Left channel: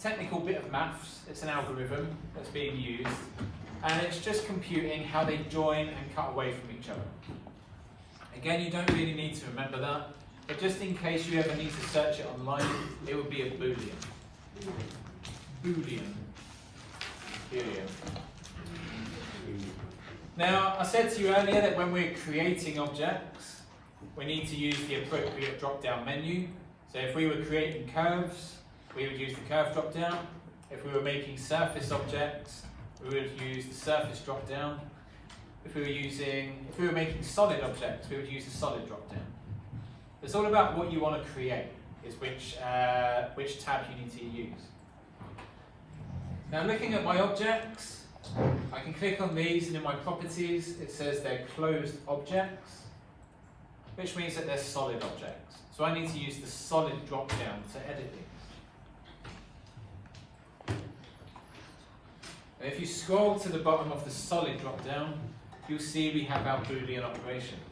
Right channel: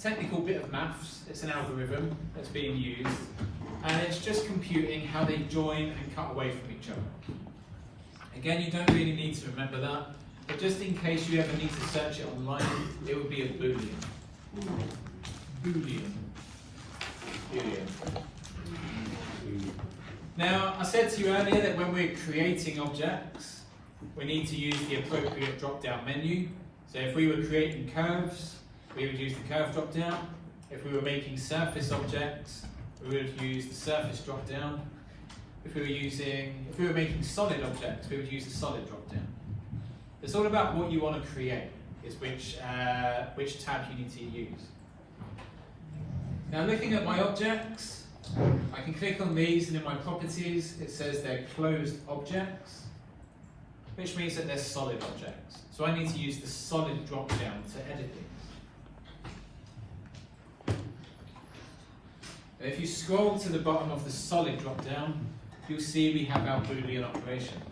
technical bit of maths. It's an algorithm that's being used, and it's just computing how they join and cut away from each other. Again, you don't really need to remember that, but just in case you ever need to search it online, it would be a Boolean. Boolean. Boolean. Now, I said to you earlier that when we're creating objects, we need to use the appropriate drop-down menu. So if we were creating curves, we would use the curve drop-down. If we were making surface objects, we would use the surface drop-down. If we were making solid objects, we would use the solid drop-down. It's all about what you want to create, is which tab you need to use. Now, looking at my objects, I can click on these, and in my properties it says they're closed objects, which means that they're solid objects. So I need to use the solid drop-down to edit these. And if you scroll to the bottom of the solid drop-down, you'll see we have our Boolean operations.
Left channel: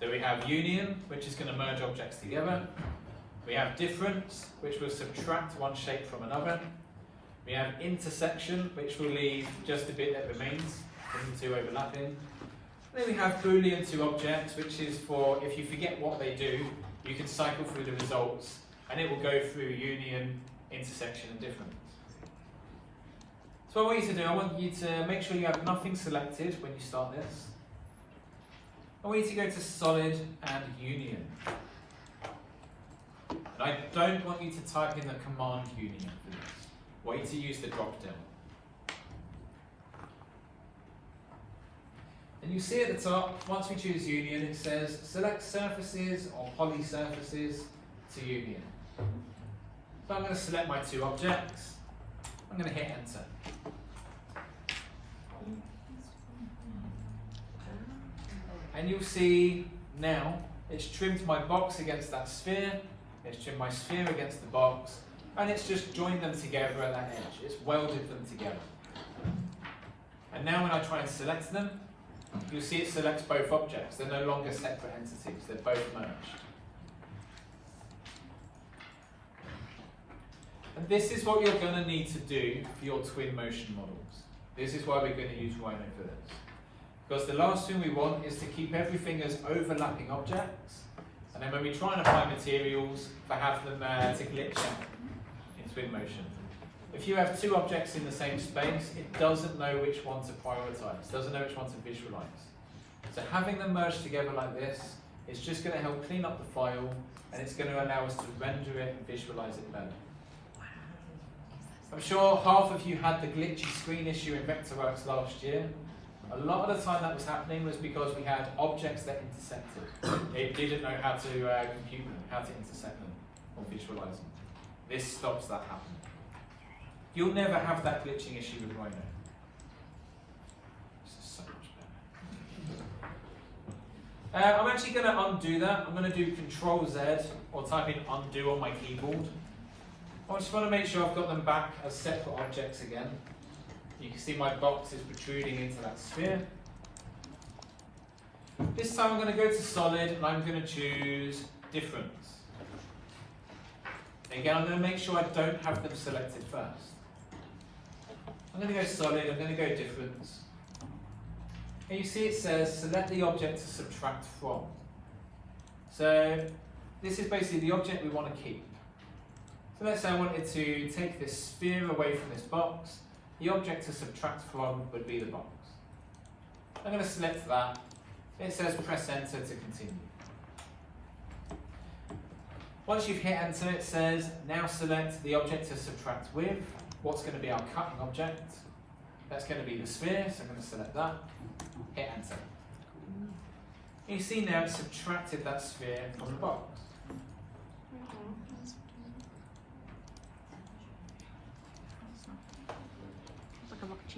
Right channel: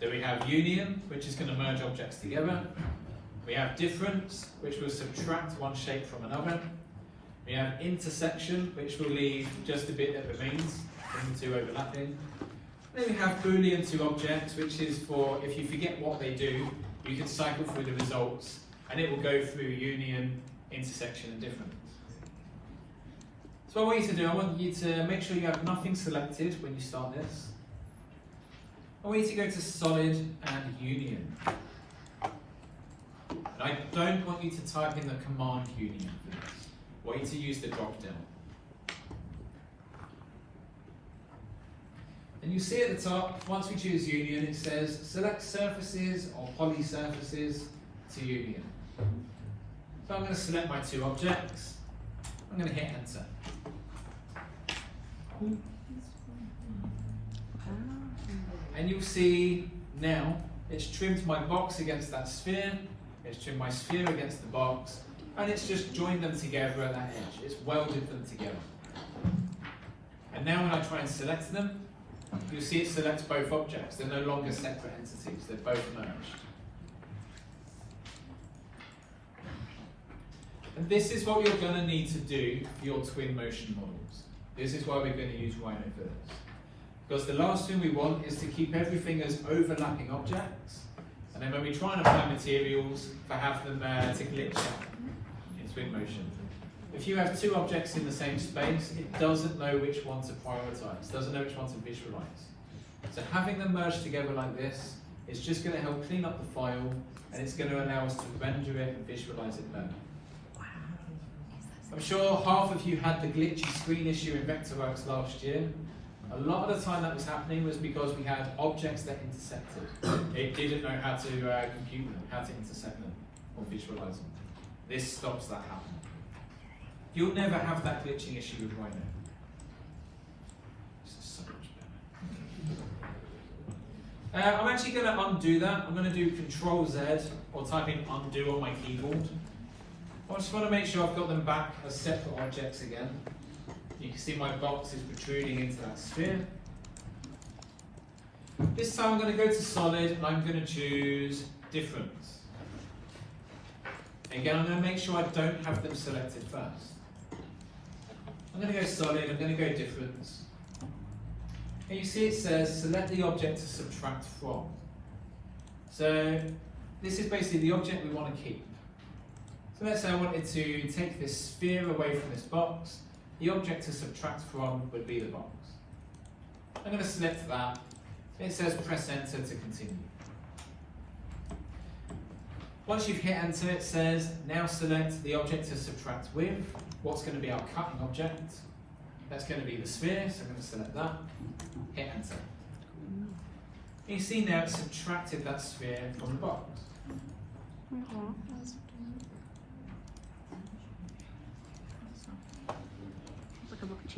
So we have union, which is going to merge objects together. We have difference, which will subtract one shape from another. We have intersection, which will leave just a bit that remains from the two overlapping. And then we have Boolean to objects, which is for if you forget what they do, you can cycle through the results and it will go through union, intersection and difference. So what I want you to do, I want you to make sure you have nothing selected when you start this. I want you to go to solid and union. And I don't want you to type in the command union for this. I want you to use the drop down. And you see at the top, once we choose union, it says select surfaces or poly surfaces to union. So I'm going to select my two objects. I'm going to hit enter. And you'll see now it's trimmed my box against that sphere, it's trimmed my sphere against the box, and it's just joined them together at that edge. It's welded them together. And now when I try and select them, you'll see it selects both objects. They're no longer separate entities, they're both merged. And this is what you're going to need to do for your Twinmotion models. This is why we're going to use Rhino for this. Because the last thing we want is to keep everything as overlapping objects, and then when we try and apply materials, to have them to glitch out in Twinmotion. If you have two objects in the same space, it doesn't know which one to prioritize, doesn't know which one to visualize. So having them merged together like this is just going to help clean up the file, and it's going to allow us to render it and visualize it better. I'm sure half of you had the glitchy screen issue in Vectorworks last year. A lot of the time that was happening was because we had objects that intersected. It didn't know how to compute them, how to intersect them or visualize them. This stops that happening. You'll never have that glitching issue with Rhino. This is so much better. I'm actually going to undo that. I'm going to do Control-Z or type in undo on my keyboard. I just want to make sure I've got them back as separate objects again. You can see my box is protruding into that sphere. This time I'm going to go to solid and I'm going to choose difference. Again, I'm going to make sure I don't have them selected first. I'm going to go solid, I'm going to go difference. And you see it says select the object to subtract from. So this is basically the object we want to keep. So let's say I wanted to take this sphere away from this box. The object to subtract from would be the box. I'm going to select that. It says press enter to continue. Once you've hit enter, it says now select the object to subtract with. What's going to be our cutting object? That's going to be the sphere, so I'm going to select that. Hit enter. You see now it's subtracted that sphere from the box.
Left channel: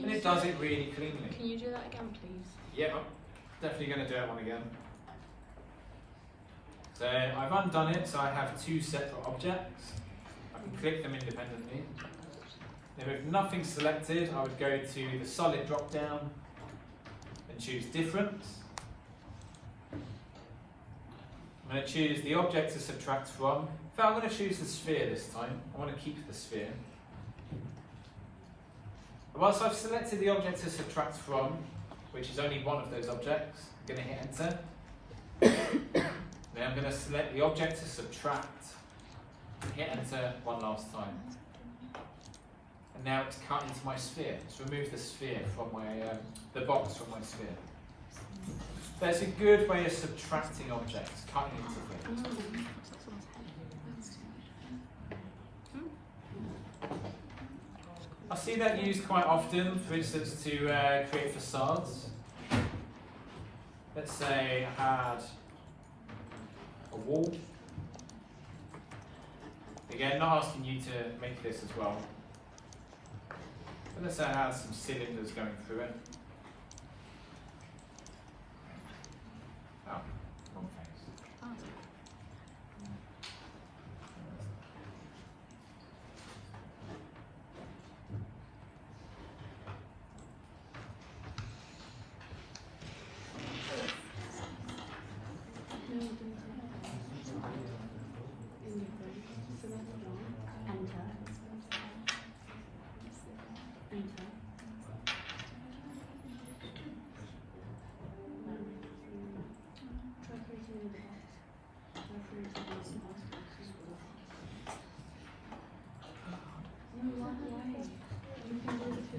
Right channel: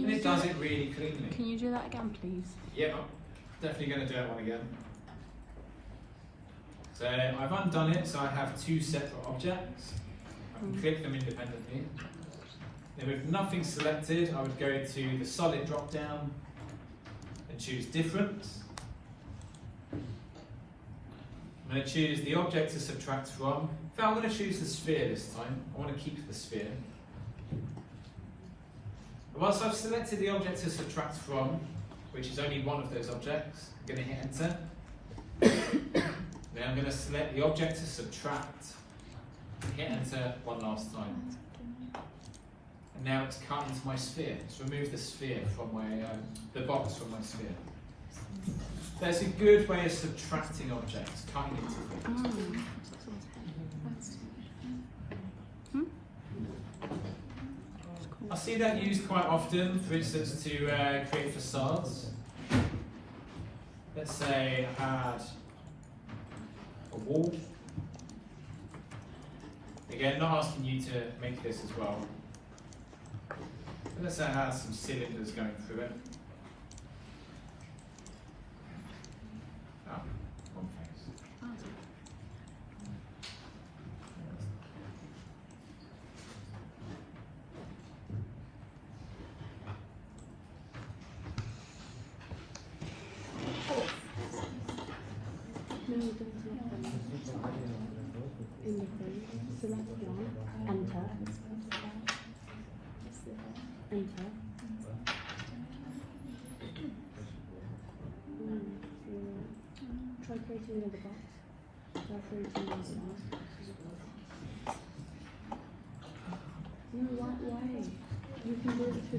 And it does it really cleanly. Can you do that again, please? Yeah, I'm definitely going to do that one again. So I've undone it, so I have two separate objects. I can click them independently. Then with nothing selected, I would go to the solid drop down and choose difference. I'm going to choose the object to subtract from. In fact, I'm going to choose the sphere this time. I want to keep the sphere. Once I've selected the object to subtract from, which is only one of those objects, I'm going to hit enter. Then I'm going to select the object to subtract, hit enter one last time. And now it's cut into my sphere. It's removed the sphere from the box from my sphere. That's a good way of subtracting objects, cutting into things. I see that used quite often, for instance, to create facades. Let's say I had a wall. Again, not asking you to make this as well. But let's say I had some cylinders going through it. Oh, wrong face.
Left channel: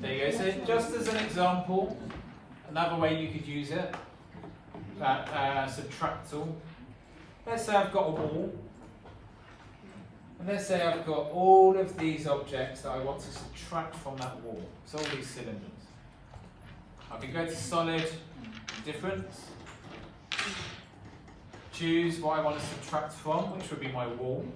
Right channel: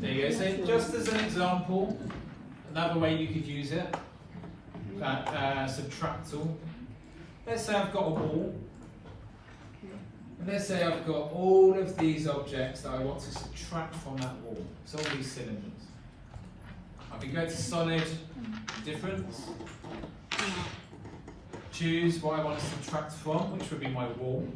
There you go. So just as an example, another way you could use it, subtractal. Let's say I've got a wall, and let's say I've got all of these objects that I want to subtract from that wall. So all these cylinders. I can go to solid, difference, choose what I want to subtract from, which would be my wall.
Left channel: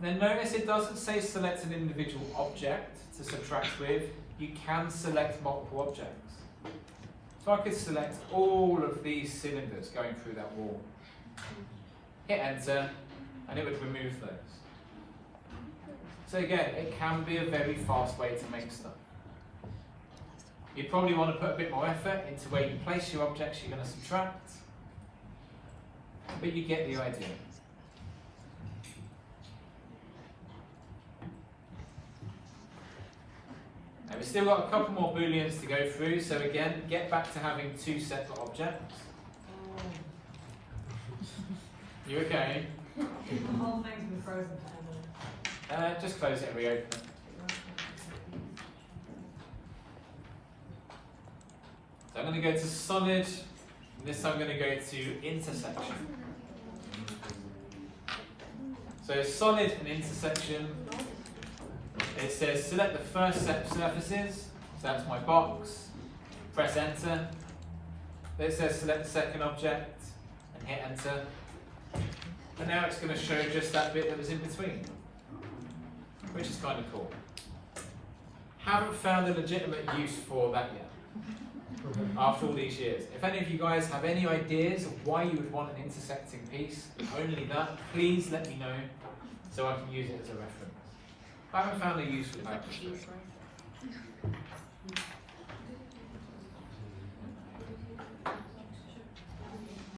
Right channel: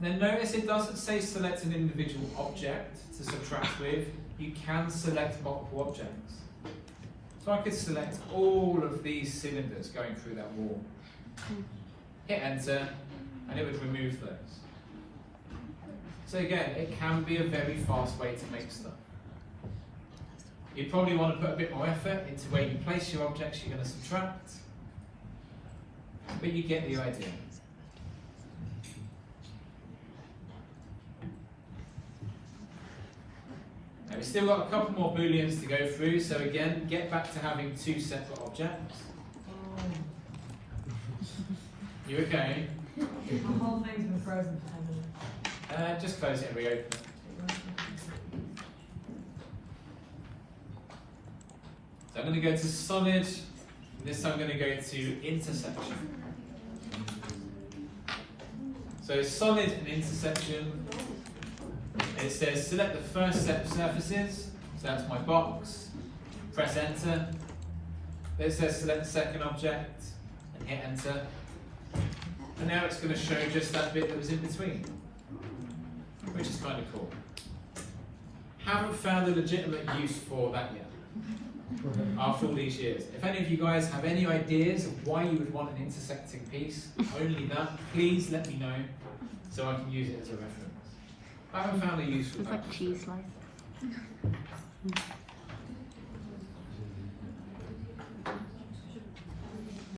Then notice it doesn't say select an individual object to subtract with. You can select multiple objects. So I could select all of these cylinders going through that wall. Hit enter, and it would remove those. So again, it can be a very fast way to make stuff. You'd probably want to put a bit more effort into where you place your objects you're going to subtract, but you get the idea. Now we've still got a couple more booleans to go through, so again, get back to having two separate objects. You okay? The whole thing's been frozen for a minute. Just close it and reopen it. So I'm going to go to solid, and this time I'm going to go to intersection. So solid and intersection, it says select the first set of surfaces, so that's my box, press enter. Then it says select the second object and hit enter. And now it's going to show just that bit that was in between, which is kind of cool. Haven't found a legitimate use for that yet, after all these years. If any of you guys have any ideas of why you would want an intersecting piece, only that, please let me know so I can use it as a reference. I haven't found a use for that. It's like a cheese slice.